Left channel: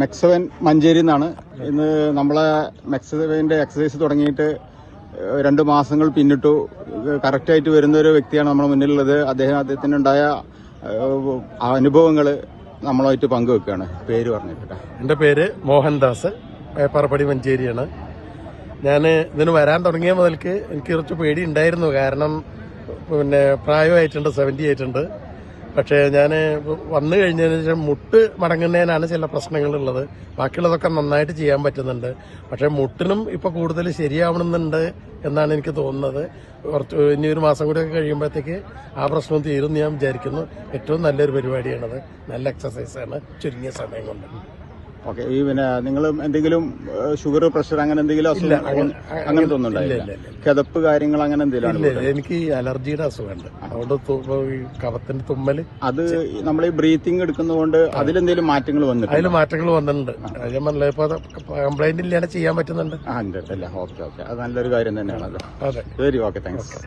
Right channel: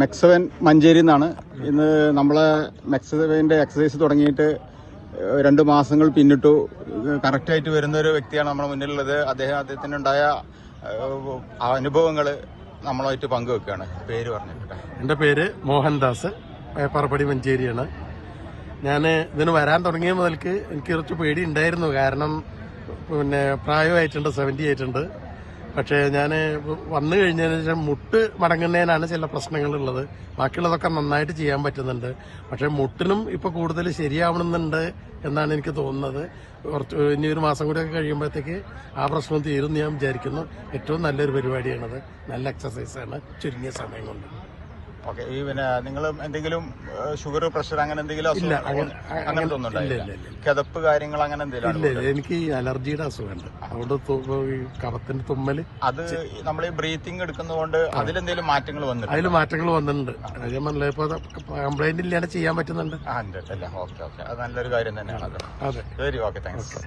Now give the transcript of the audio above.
മെക്സവൻ മഞ്ചേരി എന്നാണ്. ഇന്ന് നമ്മളെ മെക്സവന്റെ എക്സസൈസ് തുടങ്ങിയിട്ട് 2 മാസങ്ങൾ പിന്നിട്ടു. കറക്റ്റായിട്ട് വരുന്ന ഒരു വ്യക്തിയാണ് നമ്മുടെ മുന്നിലുള്ളത്. അദ്ദേഹത്തിനുണ്ടായ അനുഭവങ്ങൾ നമ്മളുമായിട്ട് പങ്കുവെക്കുകയാണ്. പേര് പറഞ്ഞിട്ട്. എന്റെ പേര് മോഹൻദാസ്, പേപ്പറപ്പടി മഞ്ചേരിയാണ്. ഞാൻ ഇതിന് വരാൻ തുടങ്ങിയ മുതൽക്ക് എനിക്ക് കുറച്ച് പേടി ഉണ്ടായിരുന്നു. കാരണം പ്രായമായിട്ടുണ്ട്, 70 ആയിട്ടുണ്ട്. പക്ഷേ ഞാൻ വന്നു കഴിഞ്ഞതിന് ശേഷം മുട്ട് മടങ്ങുന്നതിനാണ് ചില പ്രശ്നങ്ങളുള്ളത്. ബാക്കിയുള്ളതൊക്കെ നന്നായിട്ട് ചെയ്യാൻ പറ്റുന്നുണ്ട്. പക്ഷെ മുട്ടിനും ഇപ്പൊ കൂടുതൽ ശരിയാവണമെന്നുണ്ട് എന്നാണ് എനിക്ക് തോന്നുന്നത്. ഇനി 1 മാസം കൂടിയൊക്കെ കഴിയുമ്പോഴത്തേക്ക് ആ പ്രശ്നം തീരും ഞാൻ വിചാരിക്കുന്നു. ഏറ്റവും നല്ലൊരു പരിപാടിയാണത്. നല്ല എക്സസൈസാണ് ചുരുങ്ങിയ സമയം കൊണ്ട്. ഓക്കെ. ഈ നിങ്ങൾ എന്തെങ്കിലും ഷുഗർ, പ്രഷർ അങ്ങനെ എന്തെങ്കിലും ഇല്ല, അങ്ങനത്തെ ഒന്നും കിതപ്പ് കാര്യങ്ങൾ അങ്ങനെ എന്തെങ്കിലും? ഇല്ല, എനിക്ക് അലർജിയുടെ അസുഖമുണ്ട്. അതുകൊണ്ട് ഈ കഫത്തിന്റെ തുമ്മല്, അത് നമ്മൾ ഈ ബ്രീത്തിങ് എടുക്കുന്നതുകൊണ്ട് അതിലെന്തെങ്കിലും മാറ്റങ്ങൾ വന്നിട്ടുണ്ട്? അതിൽ മാറ്റങ്ങൾ വന്നിട്ടുണ്ട്. ഞാൻ പറഞ്ഞില്ല, ഇപ്പൊ കംപ്ലൈന്റ് ഇല്ലാതെ ചെയ്യാൻ പറ്റുന്നുണ്ട്. ഓക്കെ. അത് നല്ലൊരു കാര്യം തന്നെയാണ്. അതെ, ശരി, ഓക്കെ, താങ്ക്സ്.